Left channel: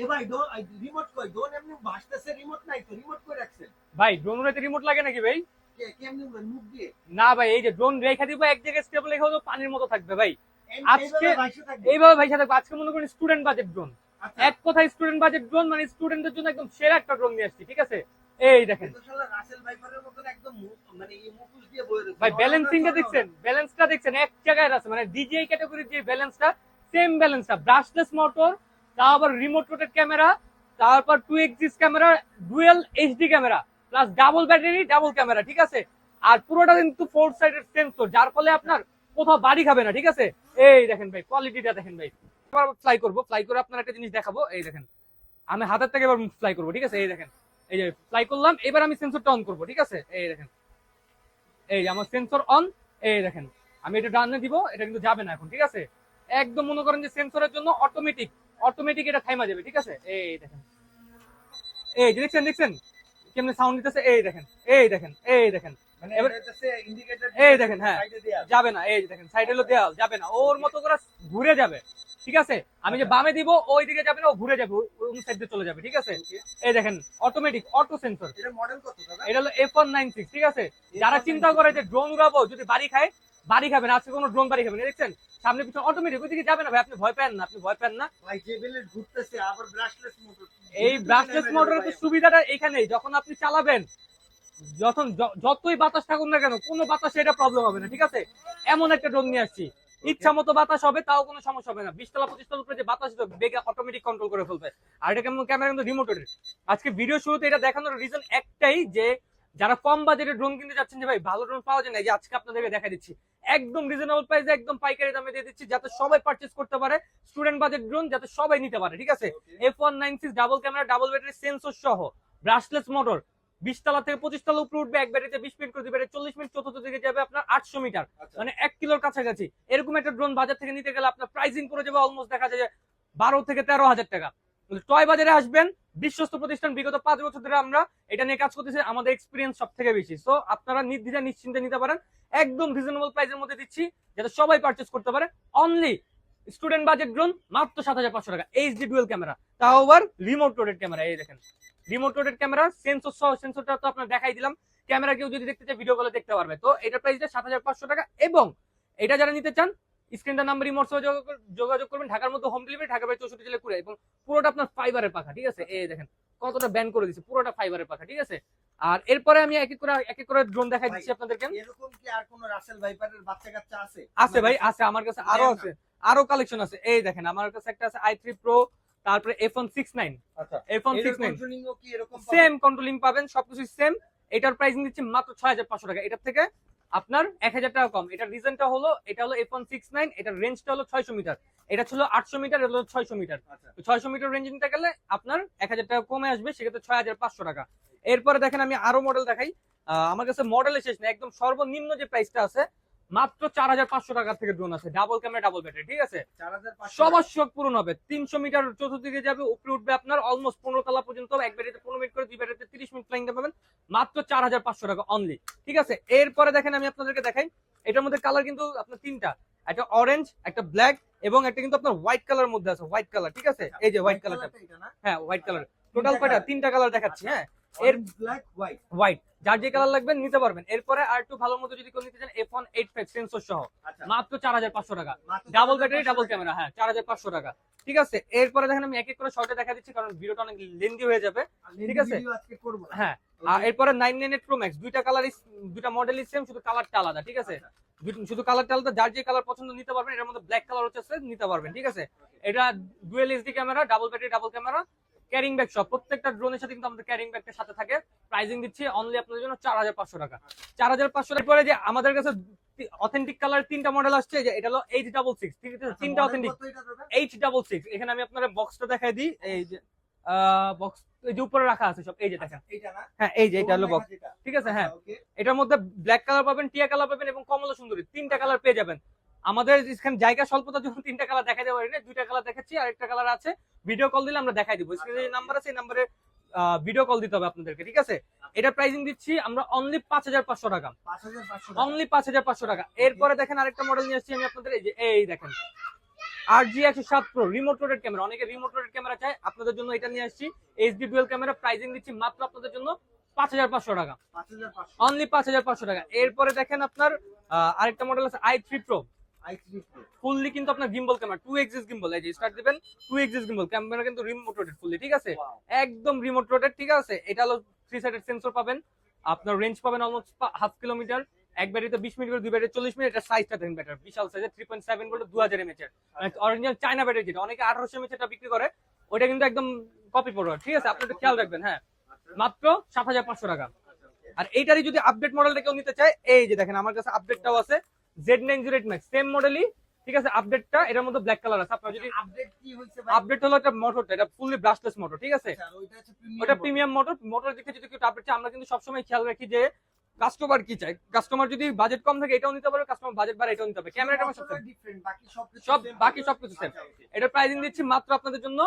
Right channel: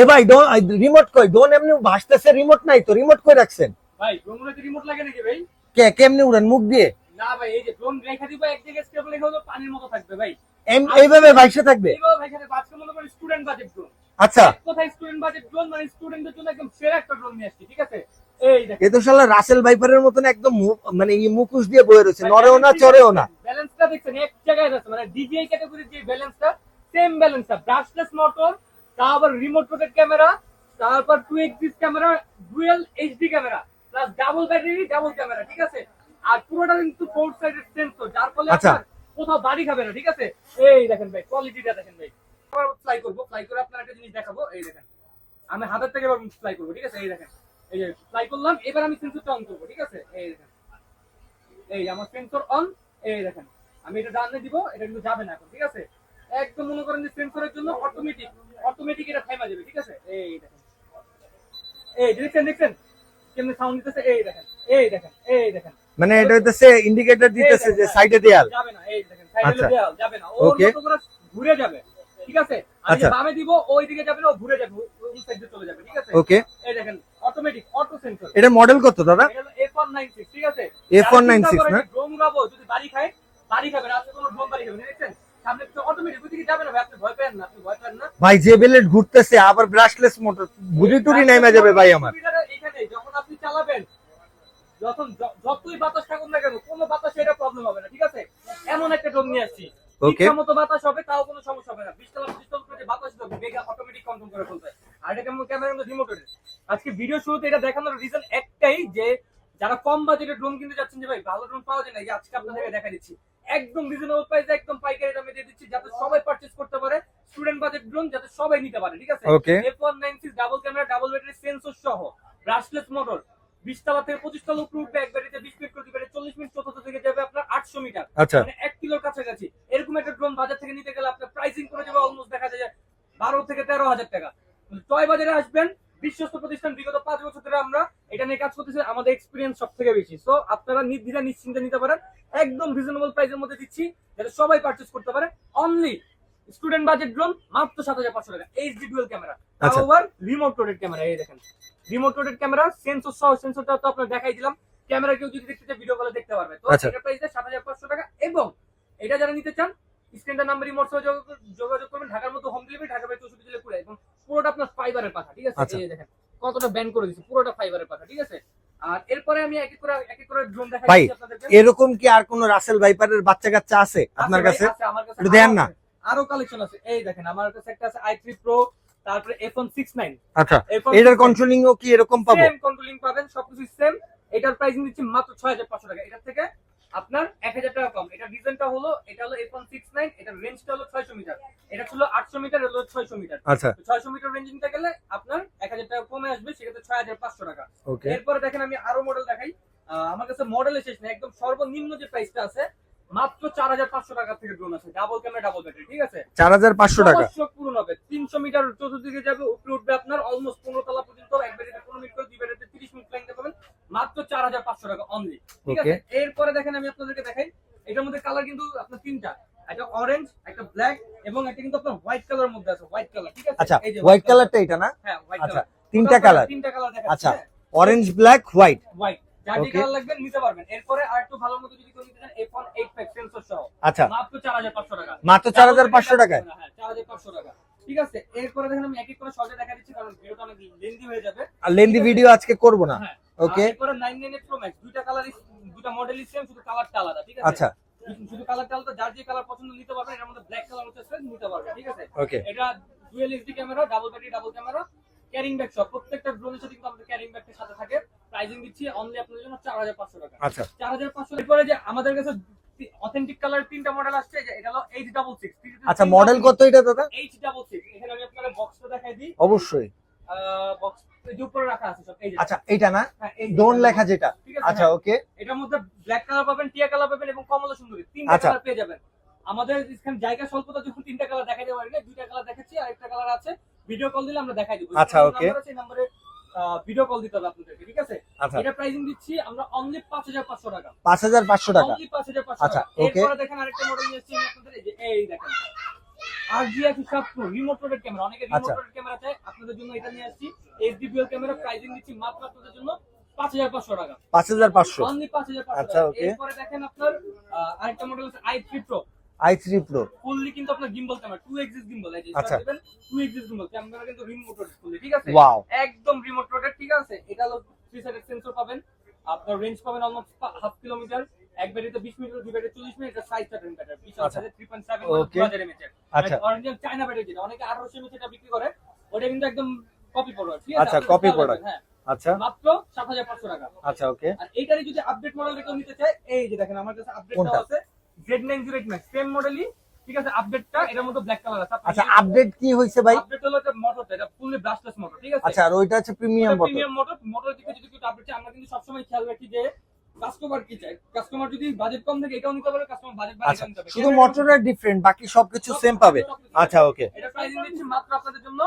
এ ভাই রিমোট কই? ড্রোন এমনি ভাসতেছে, রিমোট নাই তো, রিমোট কই রাখছেন? ভাই ড্রোন উড়াইতে রিমোট লাগে নাকি ভাই? কেমনে উড়ান, মুখ দিয়ে? না ভাই, এই যে ড্রোন রেখা দিব এক জায়গায় স্টেবল রেখা হলো পানির মতো থাকবে ভাই। এইভাবে ভাইসে থাকবে? এইভাবে ভাই সাথে আজকে মনে করেন স্টুডেন্ট বাজেট ড্রোন। আচ্ছা, কোথায় স্টুডেন্ট বাজেট ড্রোন, মানে স্টুডেন্টদের জন্য একদম সেরা একটা ড্রোন নিয়ে আসছি, ঠিক আছে? এই দেখেন, এ তো শালা রাসেল ভাইপারের মতন একদম মানে মুখোশ দিয়ে বয়ে রয়েছে, নরেও না চড়েও না। ব্যালেন্সটা দেখছেন এক জায়গায় আছে, মানে ডিজিআই ক্যাটাগরির যে ব্যালেন্সটা, সেম ব্যালেন্সটা, ব্রাশলেস মোটর, তারপর রিমোট রোটেট ক্যামেরা, তারপর 2 axis camera, dual HD camera, plus double battery, double camera, ঠিক আছে? আর পুরোটা কিন্তু 4 সাইডেড সেন্সর, যার ফলে আপনার কোথাও বাড়ি খাবে না, ঠিক আছে? এই দেখেন ভাই, কোয়ালিটিটা দেখেন ভাই। এবার ফ্লাই করব, ফ্লাই করে আপনার একটা জিনিস দেখাবো। এই দেখেন, আমি হাতের থেকে এবার ফ্লাই করব, ঠিক আছে? এই দেখেন, এই যে ফ্লাই করলাম, এবার আমি সেন্সরটা অন করব, ঠিক আছে? এই দেখেন, এই আমার সেন্সর অন। এই দেখেন, আমি এটা ডানে দিব, এটা কিন্তু যাবে না এখন, ঠিক আছে? একদম মনে করেন যে সেন্সরের জন্য অটোমেটিক এটা টাইমা যাবে, ঠিক আছে? এই দেখেন, এই দেখছেন দেখছেন কেমনে সাউন্ড দিতেছে? এই দেখেন, এই দেখেন, এই দেখেন, মানে এটা হইতেছে ইন্ডিকেটর দিতেছে যে সাইডে দেয়াল যাবে না। এই দেখেন, সাইডে দেয়াল যাবে না, ওর মতো করে ঘুরে যাবে, ঠিক আছে? আমি বামে দিব, ওই দিকে যাবে না, ও ঘুরে যাবে, ওই সাইডে চলে যাবে, ঠিক আছে? ওকে, এই দেখেন, অটোমেটিক অটো সেন্সর। এটা মডেল কত দাদা? এটা হলো F196, ঠিক আছে? F196 না? ড্রোন উড়াবো, যদি বাড়ি খায়, বাড়ি খাবে না, আজকে কোনো ড্রোন বাড়ি খাবে না, দেখছেন? সামনে পিছনে অটোমেটিক, ওই দিকে যাবে না ভাই, আপনি ভয় পান না, আপনি ভয় পান না ভাই। যে বেলেট ঘুরতেছে, আবার ব্রাশলেস মোটর, গুড়ি টুড়ি নাইমা যাবে ভাই আমার। সুবিধাটা এখানেই, যখন আপনি চালাবেন, যতই বাতাস থাকুন না কেন, কোনো বাতাসে এটা প্রবলেম হবে না, ঠিক আছে? এমন একটা ড্রোন নিয়ে আসছি, ইচ্ছা মতো বাতাস হবে, তাও কোনো সমস্যা হবে না। 20 তলা 25 তলা উপরে যে বাতাস দেবে, বেগে অটোমেটিক কন্ট্রোল করে ফেলবে। আর এটা কেমন ক্যামেরা কিন্তু রিমোটেড। আজকে ভিডিও শুরুতে এটা দেখানোর রিজন একটাই, যে যারা কম বাজেটের ড্রোন কিনতে যাচ্ছেন, যে ভাই ভালো ড্রোন পাওয়া যায় না, যে আজকে আপনাদের দেখা দিচ্ছি একদম রিজনেবল প্রাইসে, একদম পাইকারি দামে দিয়ে দিচ্ছি, যাতে সবাই পারচেজ করতে পারে। স্টুডেন্ট বাজেট ড্রোন যাতে সবাই নিতে পারে, ঠিক আছে? F196 double camera, double battery, sensor সহ, ব্রাশলেস মোটর, 20 তলা থেকে 25 তলা উপরে উঠবে, এক ব্যাটারিতে 20 মিনিট করে দিবে, 40 মিনিট, চতুর্থ দিকে যাবে আপনার 800 মিটার, মানে 1 কিলোর কাছাকাছি। এরকম একটা ড্রোন বাজার থেকে নিতে গেলে আপনার প্রাইসিং করে যাবে অলমোস্ট দেখা যায় 12 থেকে 13,000 টাকা। টয় বাজারে আসবেন, বিশ্বস্ত প্রতিষ্ঠান, বিগত 5 বছর ধরে আমরা এটা নিয়ে কাজ করতেছি, আমাদের এক্সপিরিয়েন্স সব থেকে বেশি। সো আপনারা নির্দ্বিধায় নিশ্চিন্তে নিতে পারেন, একদম রিজনেবল প্রাইসের মধ্যে দিচ্ছি, যাতে সবাই পারচেজ করতে পারে। অনলি স্টুডেন্ট বাজেট ড্রোন মাত্র 7,500 টাকা, এইচডি ডুয়াল ক্যামেরা, তাও আবার রিমোট রোটেট ক্যামেরা। এই দেখেন, রিমোট রোটেট ক্যামেরা, সেন্সর সহ, সেন্সরটা তো আপনাদের দেখাই দিলাম। ক্যামেরা কেউ যদি দেখতে চায় ভিডিও কলে দেখতে পারবে। তো এটা প্রাইসটা 7,500 টাকা। এবং এটা যারা নিতে চান, স্ক্রিনটার নাম্বার হোয়াটসঅ্যাপে যোগাযোগ করবেন। ঢাকার মধ্যে হোম ডেলিভারি, ঢাকার বাইরে 64 জেলা পুরো, এবং পুরোটা আপনার ফাইবারের পাখা, ঠিক আছে? এই দেখেন কতটা ব্যান্ড করে দিয়েছে, পুরোটা ফাইবারের পাখা, ঠিক আছে? আর এরপরে আমি এক এক করে ড্রোন দেখাই দিচ্ছি আপনাদেরকে। এরকম কি আর কোন রাসেল ভাইপারের বাচ্চা কাচ্চা আছে আপনার কাছে? আছে, আমার কাছে দেন না, আরো কালেকশন আছে। এই দেখেন, আমার কাছে একটা আছে i3 Pro, তারপরে F169। আচ্ছা, এটার কন্ট্রোলিং ও কি এরকম পাবো? সেম কন্ট্রোলিং পাবেন, সবকিছু সেম। এটার প্রাইসিং দিচ্ছি মাত্র 6,500 টাকা। এটার থেকে আপনার 1,000 টাকা কম। এটার রিজনটা হলো, এটা হলো F169, এটার রেঞ্জটা হলো 600 মিটার, এটা ছিল 800 মিটার, এটা হলো 600 মিটার। আচ্ছা, 600 মিটার রেঞ্জ নিতে গেলে আপনার 1,000 টাকা কমে আসবে, সেক্ষেত্রে 6,500 টাকা। এরপরে দেখেন, আমি আরো মডেল দেখাই। আমার কাছে মডেল শেষ না, একদম সর্বনিম্ন যে প্রাইসটা আছে মাত্র 4,500 টাকা থেকে ড্রোন আছে, ডাবল ক্যামেরা, ডাবল ব্যাটারি, ঠিক আছে? 4,500 টাকা শখ পূরণ হবে। 300 মিটার চতুর্দিকে যাবে, উপরে উঠবে আপনার অলমোস্ট 15 তলা পর্যন্ত, এক ব্যাটারিতে 15 মিনিট করে, দুই ব্যাটারিতে 30 মিনিট ফ্লাইং পাবেন, মাত্র 4,500 টাকা অনলি, ঠিক আছে? এরপরে দেখেন, আমি আপনাদেরকে দেখাই, এটার মধ্যে কালার কিন্তু আপনার তিনটা, একটা অরেঞ্জ, একটা ব্ল্যাক, এবং একটা কিন্তু আপনার হোয়াইট কালার মধ্যে আছে, হোয়াইট কালার, ঠিক আছে? এই যে হোয়াইট কালারটা এটা না? হ্যাঁ, হোয়াইট কালার, তিনটা কালার দেখাচ্ছি। হ্যাঁ, অরেঞ্জ, ব্ল্যাক, হোয়াইট। যার যে কালার লাগবে নিতে পারবেন। এরপরে আর একটু ভালো মতো যদি কেউ নিতে চান, F185 সেন্সর সহ, মাত্র 4,500 টাকা, মাত্র 4,500 টাকা। হ্যাঁ, 4,500 টাকা, ঠিক আছে? এরপরে দেখেন, আমি এক এক করে শর্টে দেখা দিচ্ছি, কারণ ভিডিওটা অনেক লেন্দি হয়ে যাবে, আর লেন্দি ভিডিও আজকে করব না। হ্যাঁ, ওকে। এরপরে 998 Pro Max, দুইটা কালারই, দুইটা মডেলই সেম, শুধু কালারটা আলাদা, ঠিক আছে? আচ্ছা, শুধু কালারটা আলাদা, যার যে কালার পছন্দ নিতে পারবেন। এর মধ্যে ব্ল্যাক কালার হচ্ছে, নিতে পারবেন, ঠিক আছে? এটা dual HD camera, double battery, double camera, carrying bag সব, প্রত্যেকটা ড্রোনের সাথে কিন্তু আমাদের ক্যারিং ব্যাগটা সাথে থাকে। প্রাইসিং দিচ্ছি অনলি আপনাদের জন্য 4,500 টাকা। আচ্ছা, 4,500 টাকা। পরে যে আমাদের কাছে অথেন্টিক কালার তিনটা মডেল আসছে, যে এটা হলো H66। আচ্ছা, মডেল কত এটা দাদা? H66। এখানে আমি আপনাদের বক্সটা দেখাই দিই। অবশ্যই বক্স এই যে উপরে রাখা আছে সব, এই যে। আচ্ছা, এইটা না? হ্যাঁ, এই যে ডোন লেখা যেটা, ঠিক আছে? আচ্ছা, ওকে। এটার মধ্যে ব্ল্যাক কালার পাবেন, টিয়া কালার পাবেন, এবং কমলা সুন্দরী, তিনটা কালার পেয়ে যাবেন। আমাদের এখানে জায়গা স্বল্পতা, যখন তিনটা কালার দেখাই দেওয়া হয় না, দুইটা কালার দেখাচ্ছি, আর একটা কালার আছে, ভিডিও কল দিলে আমরা দেখাই দিব। নাম্বার আছে, এই নম্বরে ভিডিও কল দিতে হবে আপনাদেরকে, ঠিক আছে? এটা প্রাইসিং দিচ্ছি আমরা অনলি 5,500 টাকা, 5,500 টাকা, অনলি 5,500 টাকা। এরপরে দেখেন আরেকটা মডেল নিয়ে আসছি আমি আপনাদের, এই যে, এই দেখেন RG 107 Pro remote rotate camera. অনেকে রিমোট রোটেট ক্যামেরা চায়, আপনাদের আপনাদের জন্য এটা নিয়ে আসছি এইচডি ডুয়াল ক্যামেরা, প্রাইসিং দিচ্ছি মাত্র আপনাদের জন্য 5500 টাকা, 5500 অনলি 5500 টাকা। আচ্ছা, okay. এরপরে দেখেন আপনার আরেকটা মডেল আছে i3 Pro, i3 Pro fully কিন্তু আপনার গিম্বল ক্যামেরা, 2 এক্সিস গিম্বল, এই যে আচ্ছা। স্টার্ট দিবেন 2 এক্সিস গিম্বল ক্যামেরা, কিন্তু রিমোট রোটেট ফুললি, ঠিক আছে, ওয়াও একদম রিমোট রোটেট, ঠিক আছে। এটা হলো 3 সাইডেড সেন্সর পাবেন, আপনার রেঞ্জ পাবেন অলমোস্ট হাফ কিলোমিটার, এক ব্যাটারিতে 20 মিনিট করে, দুই ব্যাটারি 40 মিনিট। এটা সাইজটা দেখেন ব্যাটারি বিশাল আচ্ছা। সাইজের 3.7 মানে Okay. 2000 mAh এর, আচ্ছা অরিজিনাল চায়না ব্যাটারি, যেটা অনেকে 1800 mAh টা বিক্রি করে, ওটা কিন্তু একদম কপি প্রোডাক্ট, ঠিক আছে, আচ্ছা, আপনারা copy খেয়াল product। রাখবেন, হ্যাঁ, আচ্ছা মাত্র 7500 টাকা। আচ্ছা ওকে আর এইটারই যদি আপডেট মডেলটা কেউ নিতে চায়, এই যে দেখেন আমার কাছে আপডেটটাও কোনটা? আছে, Z908 Max, সেম মডেলই, ঠিক আছে, আপডেটটা এটার মধ্যে ব্ল্যাক কালার আছে। আচ্ছা আপডেট কি হইছে ভাই আপডেট হলো এটা মোটরটা, এটা ফুললি ব্রাশলেস মোটর, ঠিক আছে। আচ্ছা আর ওইটা হচ্ছে এটা প্রিমিয়াম প্রিমিয়াম মোটর, মোটর দিকে যদি কেউ আপডেট চায়, আমরা কিন্তু সবসময় খেয়াল রাখি যে কাস্টমার কি চায়। কাস্টমার যদি বাজেট কম থাকে এটাও নিতে পারে, কাস্টমার বাজেট বাড়ে এটাও নিতে পারে। শুধু মোটরটা ডিফারেন্ট, বাকি সবকিছু সেম পাবে। আচ্ছা ওকে এটা প্রাইসিং দিচ্ছি মাত্র আপনাদের জন্য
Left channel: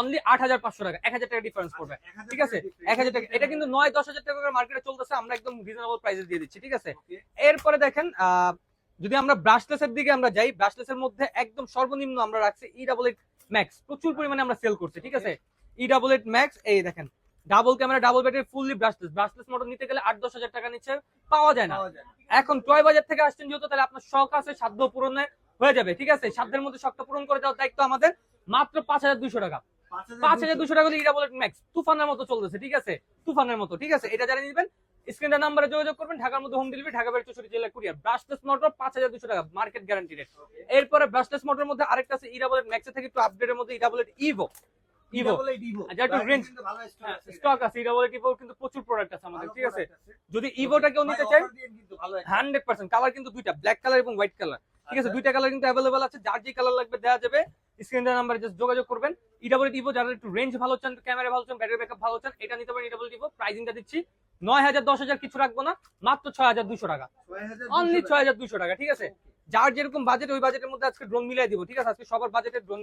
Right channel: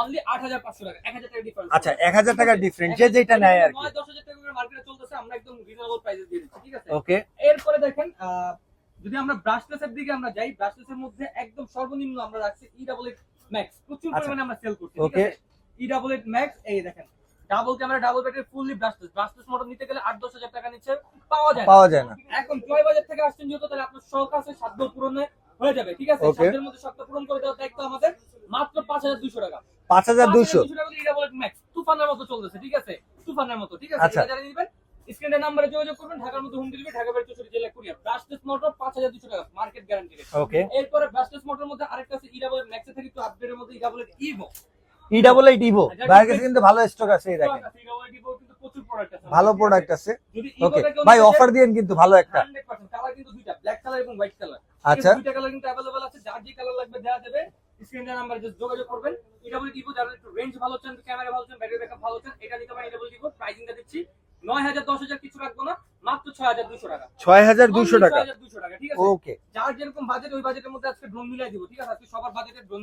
অনলি 8500 টাকা, 1000 টাকা ডিফারেন্স। আচ্ছা 1000 টাকা ডিফারেন্ট, যে যেটা নেয় আর 9-10,000 টাকা করে মার্কেটে চলতেছে, আমরা একদম রিজনেবল প্রাইসে দিয়ে দিচ্ছি, ঠিক আছে। ওকে এরপরে দেখেন যদি আমরা ব্রাশলেসের দিকে আমরা যাই, ব্রাশলেসের মধ্যে একদম সর্বনিম্ন আমরা রাখছি E88 Max, প্রচুর আচ্ছা। পরিমাণে আমরা সেল করছি, ঠিক Okay. আছে। E88 Max, এই দেখেন double camera, double battery, fully brushless motor নিতে গেলে 8-10,000 টাকা নিচে পাওয়া যায় না। পাওয়া যায় না। এখন টয় বাজার থেকে আসছেন যেহেতু, তাহলে আপনার শখ আছে, সাধ্য পূরণে হয়ে যাবে, ঠিক আছে। Okay. সাধ্যের মধ্যে শখটা পূরণ করে দেওয়ার দায়িত্ব আমাদের। মাত্র 5200 টাকা, 5200 5200 টাকা দিয়ে E88 Max তুফানের মতো চলতেছে, ঠিক আছে, তুফানের মতো, ঠিক আছে। আচ্ছা। এটা যারা নিবেন স্ক্রিনের নাম্বারে যোগাযোগ করবেন, ঢাকার মধ্যে হোম ডেলিভারি, ঢাকা বাইরে 64 জেলা কুরিয়ার। ব্রাশলেস মোটর 5200 টাকা, মার্কেট গ্যারান্টি রেট। ওকে এরপরে ব্রাশলেস মোটরের মধ্যে আরেকটা আছে E88 Max এর থেকে একটু আপডেটের মধ্যে E88 Evo, E88 Evo ভাইয়ের কাছে কিন্তু ভালো স্টক আছে এই স্টক দেখেন, আছে E88 Evo, কিন্তু প্রচুর প্রোডাক্ট আছে, ভালো ঠিক আছে? প্রোডাক্ট আছে। যদি ওকে ইভোটা কেউ ভাই নিতে অফার চায়, দিয়েন কিন্তু ভালো একটা। 100% কালার কিন্তু দুইটা, ব্ল্যাক কালার এবং হোয়াইট কালার, ঠিক আচ্ছা আছে, দুইটা কালার কিন্তু अवेलेबल আছে। যার যে কালার লাগবে দেওয়া যাবে, স্ক্রিনের নাম্বারে জাস্ট যোগাযোগ করবেন। E88 Evo, যারা একটু রেঞ্জ ভালো চান, ক্যামেরা ভালো চান, ব্যাটারি ব্যাকআপ ভালো চান, এটা নিতে পারেন। E88 Evo প্রাইসিংটা দিচ্ছি 9000 10000 কিছু রাখবো না, মাত্র 6200 টাকা, 6200 টাকা 6200 টাকা, ঠিক আছে। ওকে যার যেরকম বাজেট, ওই বাজেটের মধ্যে আজকে ড্রোন মিলাই দিব, ঠিক আছে, আজকে সবার বাজেটে ড্রোন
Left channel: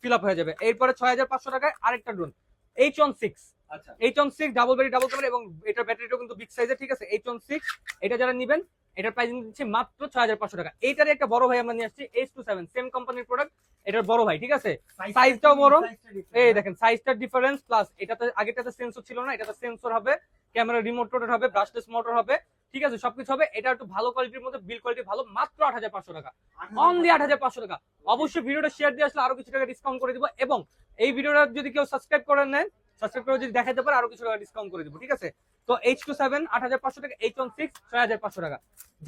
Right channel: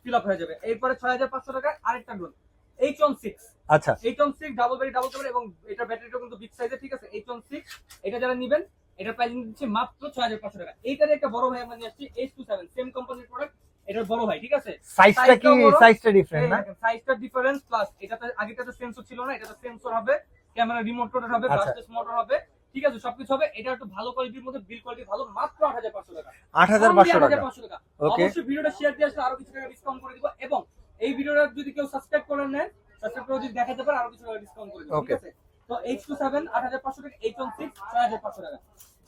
ফিল আপ হয়ে যাবে। এরপরে 6500 টাকায় আরেকটা ড্রোন H16, আচ্ছা H16 double battery, double camera, এবং এটার ব্যাটারিটাও কিন্তু বিগ সাইজের, ঠিক আছে। H16 এটা যারা নেবেন, এটার প্রাইসিং দিচ্ছি মাত্র 6500 টাকা। এইটারই একটা বড় ভাই আমরা নিয়ে আসছি H27, সেম কোম্পানির প্রোডাক্ট, এটার বড় ভাই, ঠিক আছে। সাইজটা কি সাইজটাও বড়। সাইজটা এই ডিফারেন্ট দেখেন সাইজটার ডিফারেন্স, প্লাস এটাতে আগেটাতে সেন্সর ছিল না, এটাতে সেন্সর হবে, ক্যামেরা রিমোট রোটেট হবে, আচ্ছা। ব্রাশলেস মোটর হবে, ঠিক আছে, সবকিছু হবে। এটা একটু ভালো কোয়ালিটির মধ্যে, বিল কোয়ালিটি ভালো, মাত্র 8500 টাকা, 8500 টাকা 8500 টাকা। ওকে অবশ্যই ভিডিওটা শেয়ার দিয়ে আসলে আরো কিছু টাকা ডিসকাউন্ট করে দিব, এবং এই ভিডিওটা যদি কেউ সাবস্ক্রাইব করে নেন, সাবস্ক্রাইব করে যদি দেখাতে পারে, আরো কিছু টাকা ডিসকাউন্ট করে দিব, ঠিক Okay. আছে। তো H27 8500 টাকা, H16 6500 টাকা,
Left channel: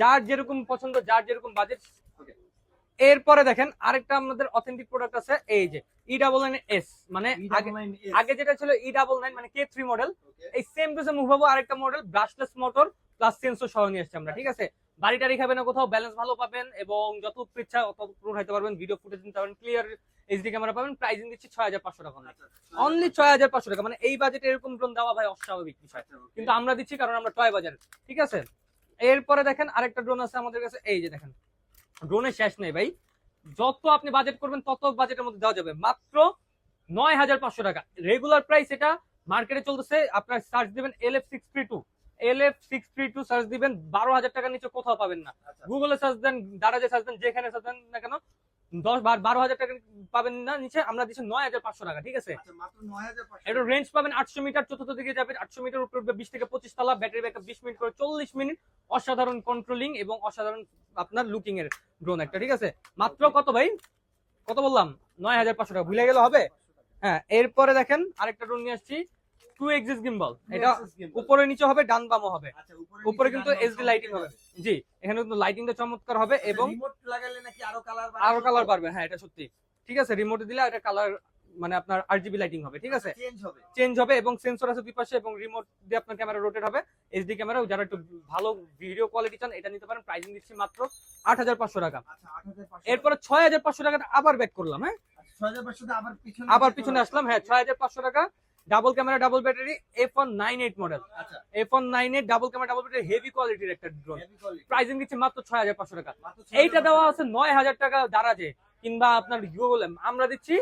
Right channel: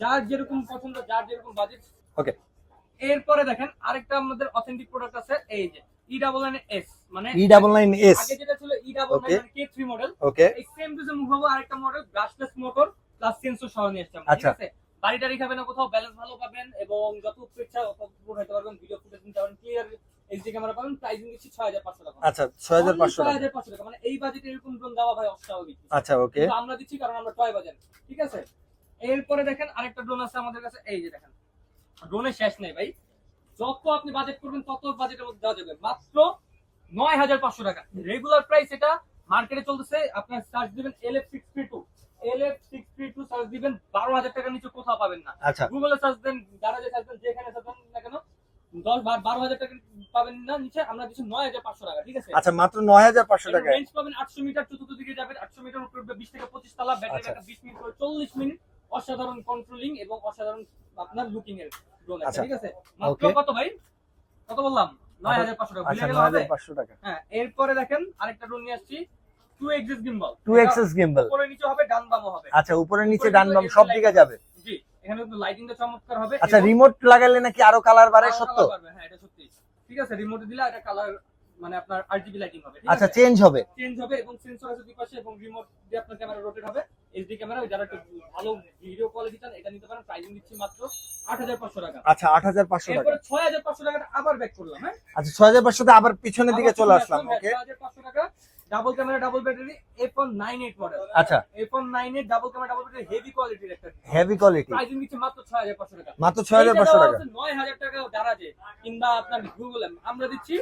যার যেরকম পছন্দ, যার যেরকম বাজেট। ওকে এরপরে দেখেন আরেকটা আমাদের অথেন্টিক প্রোডাক্ট আছে, এই যে E99S, মানে E99S আগে যেটা ছিল E99 Okay. মানে K3 মডেল, ওকে এই সেম টু সেম মুভাবো আরেকটা model, brushless motor plus sensor সহ নিয়ে আসছে আমরা, ঠিক আচ্ছা। আছে। বাড়িটা রেখাবেন না কোথাও, ব্যালেন্স ভালো পাবেন, এবং যত ইচ্ছা অত উঠাইতে পারবেন, ভিডিও ফুটেজ নিতে পারবেন, ক্লিয়ার এইচডি ক্যামেরা পাবেন। প্রাইসিং দিচ্ছি 6500 টাকা, আচ্ছা অনলি 6500 6500 টাকা, মানে এই বাজেটে এরকম ড্রোন দেওয়া ভাই অস্বাভাবিক। আচ্ছা ওকে কিন্তু আমরা দিচ্ছি কারণ আমরা টয় বাজার, ঠিক আছে। এরপরে দেখেন আরেকটা ড্রোন আছে আমাদের কাছে, এই যে দেখেন, ড্রোনের শেষ নেই ভাই, যত আপনি বাজেট করবেন তত বাজেটের মধ্যে দেওয়া যাবে, মাত্র 9500 টাকা রেগুলার প্রাইস। এটা মার্কেটে চলতেছে, আপনার সার্চ দিবেন LF632 সার্চ দিবেন, 12000 টাকার নিচে কোথাও পাবেন না। আচ্ছা গুগলে সার্চ দেন, দারাজে সার্চ দেন, যেখানে সার্চ দেন না কেন, 12000 টাকা পাবেন না নিচে, আমরা দিচ্ছি 9500 টাকা, ঠিক আছে। আচ্ছা মাত্র 9500 এটা টাকা রেঞ্জ পাবেন 800 মিটার, চতুর্থ দিকে যাবেন 800 মিটার উপরে উঠবে, 20 থেকে 25 তলা, ব্যাটারি আচ্ছা। ব্যাকআপ 20 মিনিট করে 40 মিনিট, অসাধারণ কন্ট্রোলিং এবং অসাধারণ আপনার লুকিং এর ড্রোন একটা, আচ্ছা। ঠিক আছে। মাত্র Okay. কত ভাই, কত বললাম, 9500 টাকা, ভুলে আচ্ছা গেলে হবে। 9500 টাকা হ্যাঁ, এরপরে দেখেন আরেকটা ড্রোন নিয়ে আসছি, 2 এক্সিস গিম্বল, 2 এক্সিস গিম্বল উপরে নিচে হবে, ডান বামও হবে। আচ্ছা উপরে নিচে উপরে ডান কিন্তু বাম SD সব light দিকে হবে। যাবে। জি, এখানে কিন্তু লাইটিংটা চমৎকার হবে, আচ্ছা এবং রিমোট লাগালে নাকি আরো কালার বাড়ে আরো সত্য? কালার পারবে, হ্যাঁ এটা সত্যি, ঠিক আছে। রিমোটে দিলে একটা কালার, মানে আপনার RGB লাইটিং হবে, ঠিক আচ্ছা আছে, চেঞ্জ হবে। চেঞ্জ হবে, এবং সেন্সর আছে দুই পাশে, এবং রিমোট দিয়ে আপনার ক্যামেরা রোটেট হবে, এইচডি ক্যামেরা। যারা একটু ভালো ভিডিও কোয়ালিটি চান, এটা নিতে পারেন। প্রাইসিং দিচ্ছি মাত্র 8500 টাকা। আচ্ছা 8500 টাকা। এরপরে 6500 টাকাতে আবার ব্যাক করলাম, হ্যাঁ আচ্ছা 6500 তে আবার পিছনের দিকে আবার চলে পিছনে আসলাম। হ্যাঁ, Okay. 6500 টাকা, double camera, double battery, F198 model, আচ্ছা F198 double camera, double battery, heavy কোয়ালিটির একটা হেভি কোয়ালিটি প্রাইসিং দিচ্ছি মাত্র 6500 টাকা। মাত্র এইটা 6500 দেওয়া টাকা। আছে 9000 টাকা দারাজে, কিংবা আপনার গুগলে, আমরা দিচ্ছি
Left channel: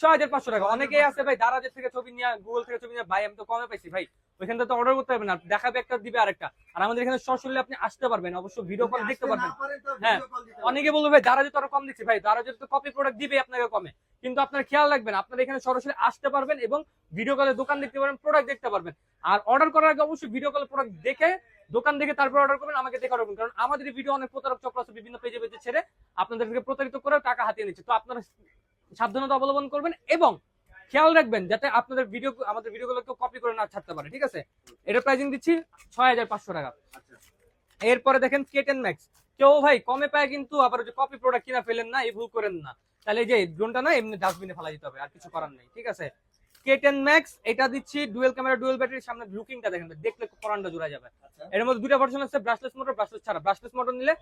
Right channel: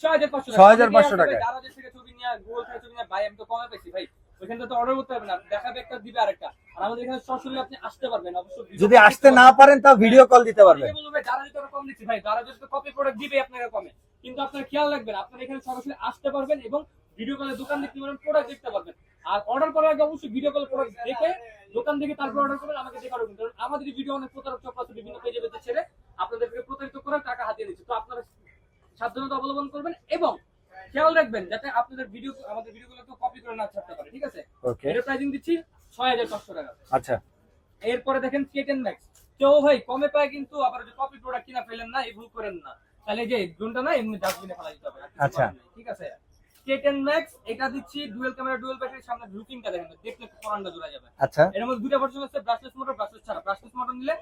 6500 টাকা। 6500 অনেকেই আছে টাকা। ভাই দারাজে থেকে ছবি নিয়ে, গুগল থেকে ছবি নিয়ে, ভাই আমি তো কমে পাইছি ভাই, ওইখান থেকে তো অর্ডার করতে পারবেন না, দেখাবে একটা দিবে আরেকটা। আর আমাদের এখানে সরাসরি আপনি আসতে পারবেন, অবশ্য ভিডিও যদি আসতে না পারেন তাও ভিডিও কল দিতে পারবেন। অনেকে বলবে ভাই যারা যদি আরো কম দিচ্ছে, ভাই যারা যদি কপি প্রোডাক্ট দিবে আপনাকে কমে, কিন্তু আপনার খেয়াল রাখবেন আপনারা এখানে সরাসরি আসতে পারবেন এবং ভিডিও কলে দোকান দেখতে পারবেন, প্রোডাক্ট দেখতে পারবেন। আর অর্ডার করার আগে অবশ্যই ভিডিও কলে প্রোডাক্ট দেখে দোকান দেখে তারপর অর্ডার করবেন, আমাকে দেখে অর্ডার করবেন। কারণ আমাদের ভিডিও অনেক প্রতারক চক্র আছে বিভিন্ন পেজে পেজে ছেড়ে আপনাদেরকে প্রতারিত করে টাকা হাতিয়ে নিচ্ছে। তো আপনারা সাবধানতা অবলম্বন করবেন এবং খেয়াল রাখবেন যাতে আপনাদের ভিডিও আমাদের ভিডিওগুলো কেউ কপি করে না ছাড়তে পারে, ঠিক আছে? এর প্রাইসিং দিচ্ছি 6500 টাকা। আচ্ছা, এরপরে দেখেন K10 Max। কেউ ভাই কমে পায় কিন্তু আবার যে কপি প্রোডাক্ট কিনা ফেলেন না, এই ভুল করেন না। তাহলে এই যে ড্রোনটা না এমনি ডাস্টবিনে ফেলা দিতে হবে, আর কিছু করার নেই, ঠিক আছে? K10 Max এটা দিচ্ছি ডুয়াল ক্যামেরা ডুয়াল ব্যাটারি, সামনে লুকিংটা দেখেন, দেখলে পরানটা জোড়া যাবে। আচ্ছা, এর মধ্যে দুটো ভার্সন আছে, ব্রাশলেস মোটর, ব্রাশলেস ছাড়া। ব্রাশলেস মোটর নিলে